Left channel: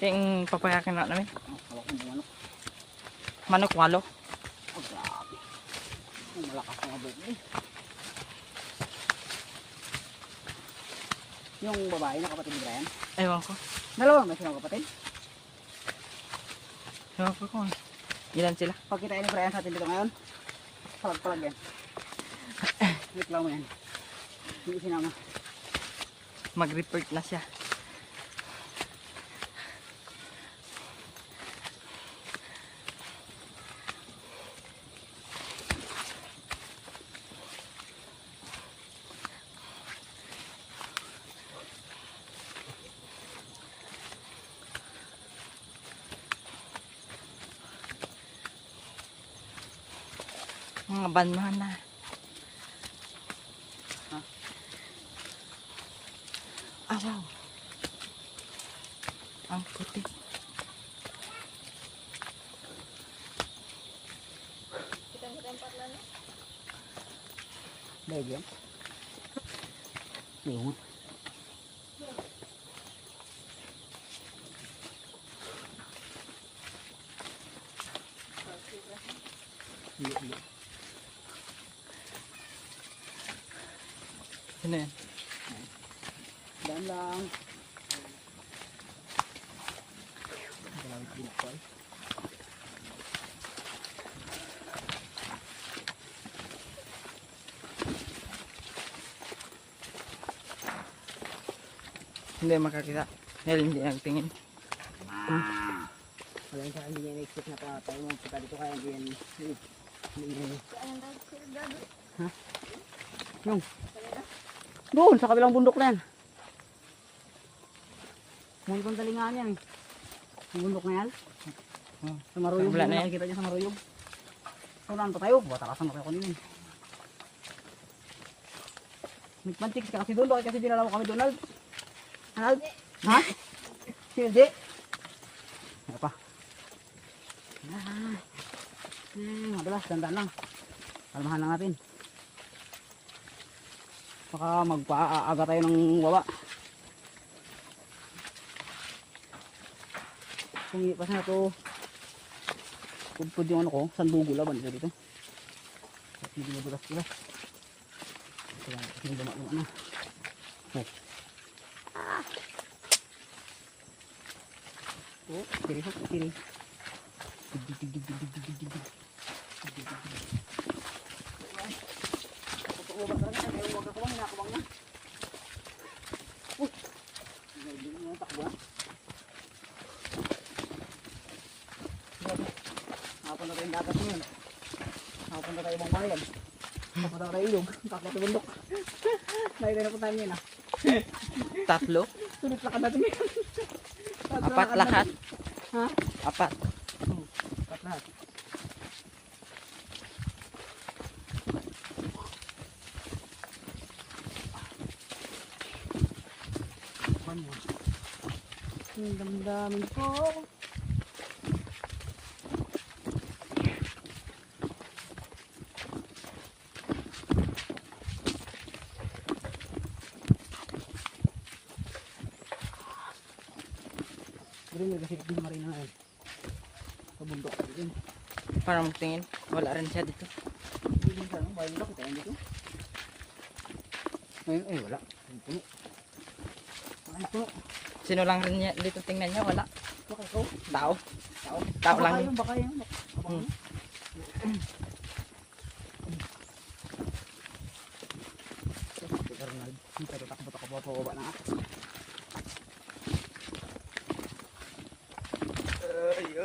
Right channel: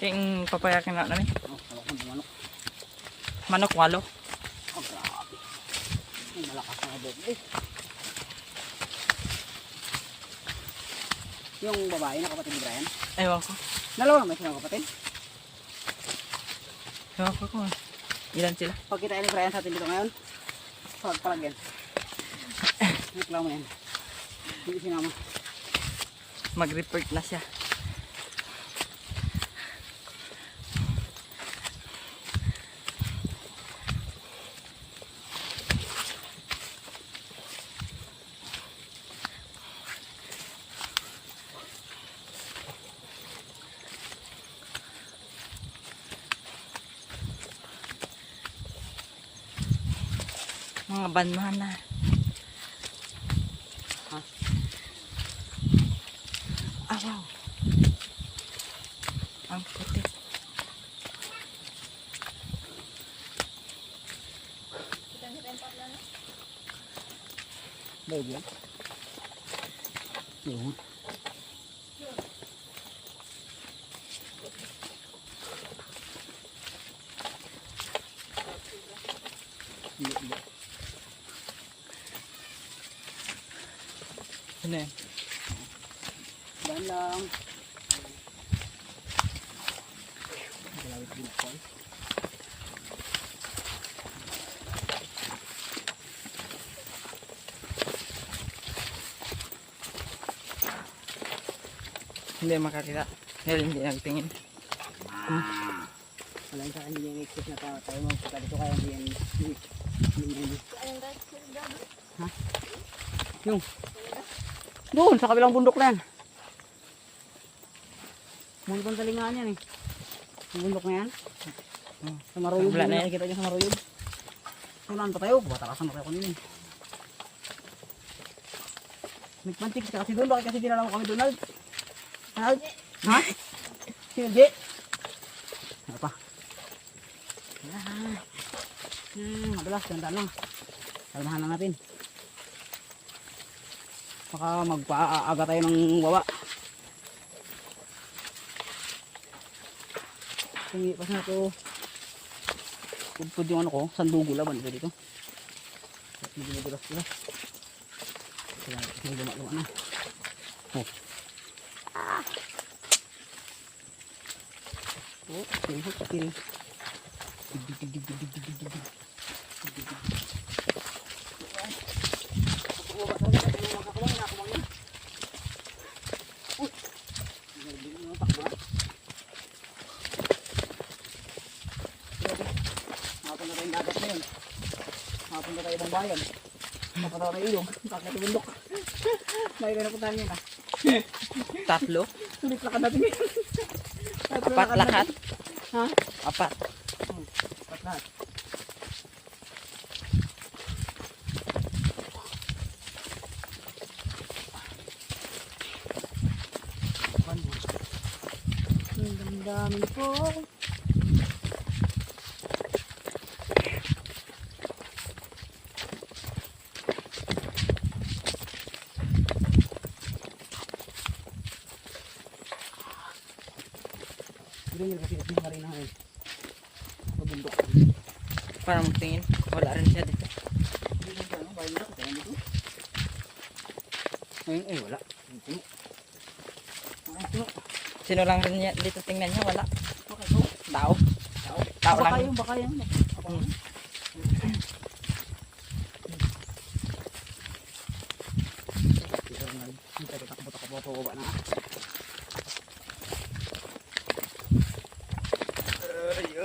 Yung papayakin na namin. Wala kang manok. Manok walo. Oh, grabe. Ay, malakas na abot. Yung babae na kapatid ni Brian. Ewan ko. Dalawa may silang kapatid. Ewan ko kung ilan sila. Pagkita ni Brian sa atin dito ngayon, palag-palag yan. Reklamo yan. Hindi sinama. Mag-report na siya. Mga banuhan na. Ha? Ah, wow. Ang puti. Baik yan. Yung. Iya. Ano yan? Dan lang. Kalawit din ako. Hindi makakita. Dahil hindi nagtingin. Wala yung sa akin, hindi niya na-expect na tayo magpunta dito kaya hindi yan ha? Yung doon sa kabilang bundok na yan. Muli pang talingaan yan eh. Yung bundok na yan. Sa Maruyog. Wala na yan. Nakikita niyo sa Maruyog. So naan pa tayo. Batakasan na tayo kanina. Nagpantik ka kasi doon. Bakit kasi dinala mo kami Donald? Donald? Ha? Hindi. Ano pa? Madalas, dandan lang. Kalmahan lang natin. Baka magpaaga tayo ng wawa. Kung ipas na ito, pudpud yung ano ko, sandugo laban dito. Hindi madulas-dulas. Kasi luma-luma na. Oh. Oh, kiri ho, kiri. Napunta tayo dagat ngayon. Napunta tayo ibang bayan. Napunta tayo ilog. Bakit bundok? Nakita na puntahan yun ah. Tatlo? Sulit lakad natin ngayon. Apat lahat? Ha? Apat. Apat lahat. Ang damdamin ko. Ganyan kasi kasi marina ngayon. Sa bundok. Para magtingin. Wala rin siya dito. Dito siya, no? Bayan lang, kaya dito. Ngayon, wala. Ang puno. Ang puno. Sino lang rin niya, dito tingnan niya? Wala. Okay, so. Tao. Tao lang. Baka yan. Kita tatakbo pa na.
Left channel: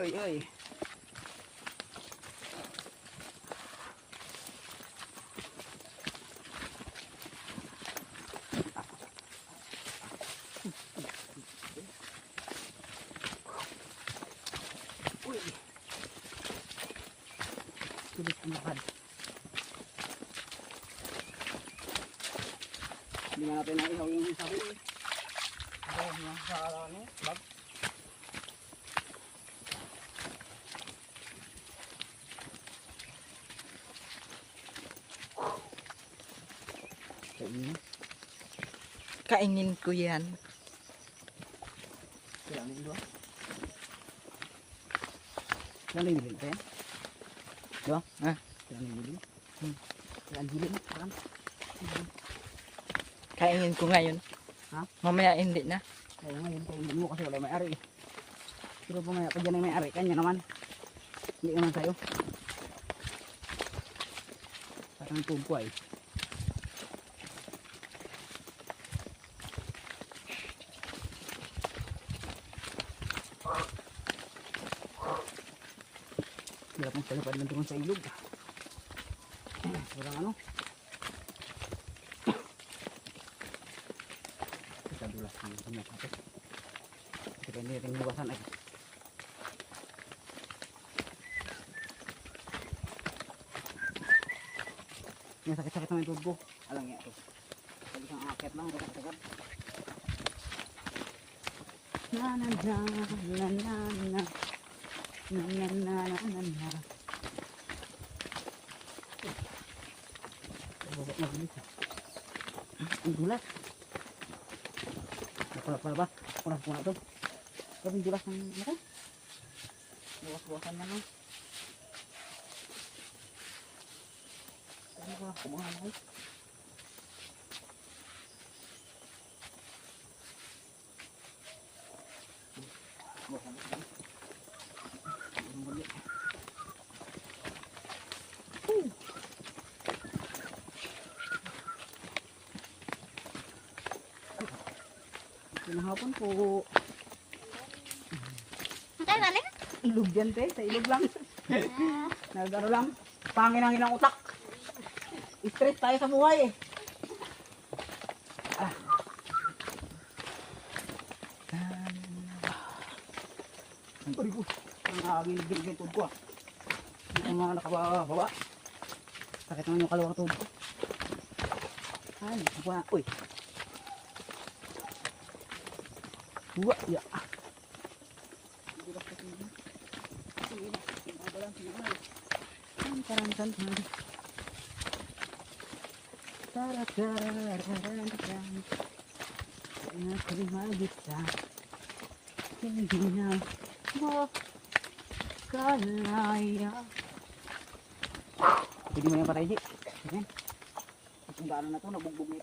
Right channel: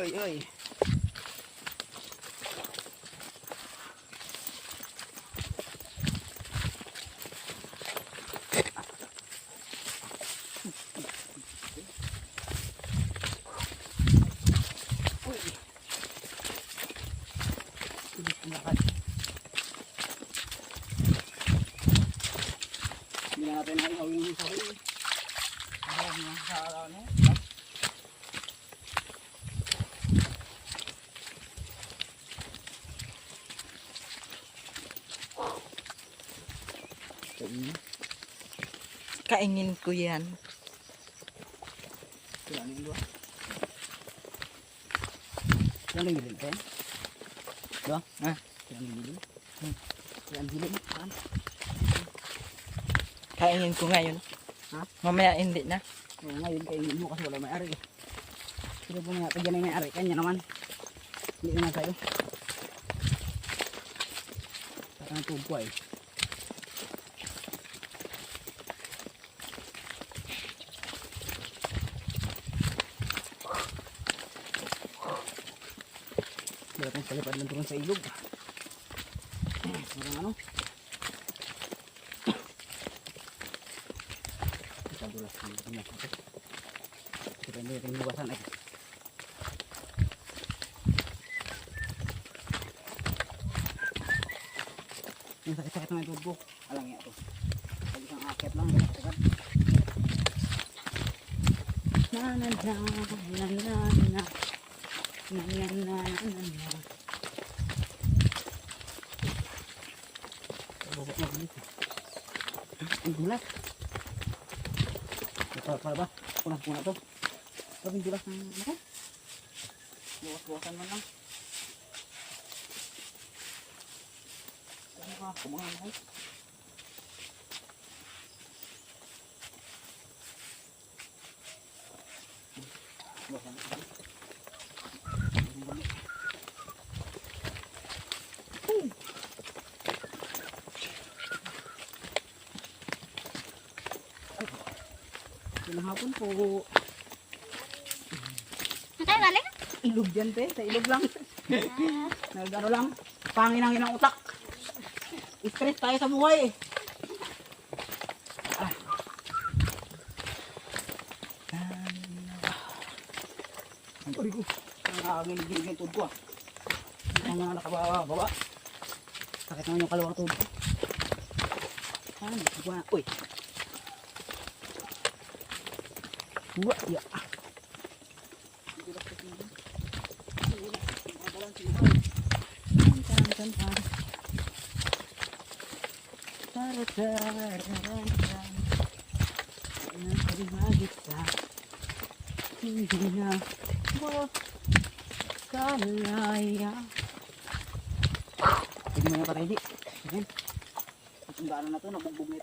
Oy. Sulit ang lakad. Hindi na natin naihaw yung sabi. Sa ano? Bag. Kaingin ko yan. Kailangan yung luwa. Yan ang bilin pa yan. Diba? Ha? Yan ang bilin. Yan ang bilin. Saan? Kainin ko ngayon. Ha? Mamaya hindi na. Oo, ngayon kainin mo kasi wala may-ari eh. Pero pumaya, pag yan ay may-ari, kanya naman. Hindi naman sa'yo. Parang ang tubig ko ay. Wala pong palipad lang turun sa ilog. Walang ano. Kadulas ng natin. Depende natin bukasan ay. Yung sakit-sakit naman yung tubig ko. Alang yan ito. Pag isang akit lang, sakit-sakit. Na na na na na na na na na na. Bobot na bilis. Ang dulas. Para ba? Punang-puna to. Pero ang dulas ng ano ko? Luwas-luwasan man lang. Ano ka? Kumahan na kayo. Luwasan na kayo. Hapon po. Ay, balik? Ilog yan, te. Sa ilog lang. Nagano lang. Pangin ang utak. Stress tayo sa buhay eh. Ang pari ko. Ang agilig-gilig yung tubig ko ah. Ang mga nakababa. Sakit naman yung kalawang tubig ko. Ano? Buwan. Uy. Buwa. Ya. Hindi na makalaya. Pwede mo yung patay di. Ang daanan na to, nabugbog nito.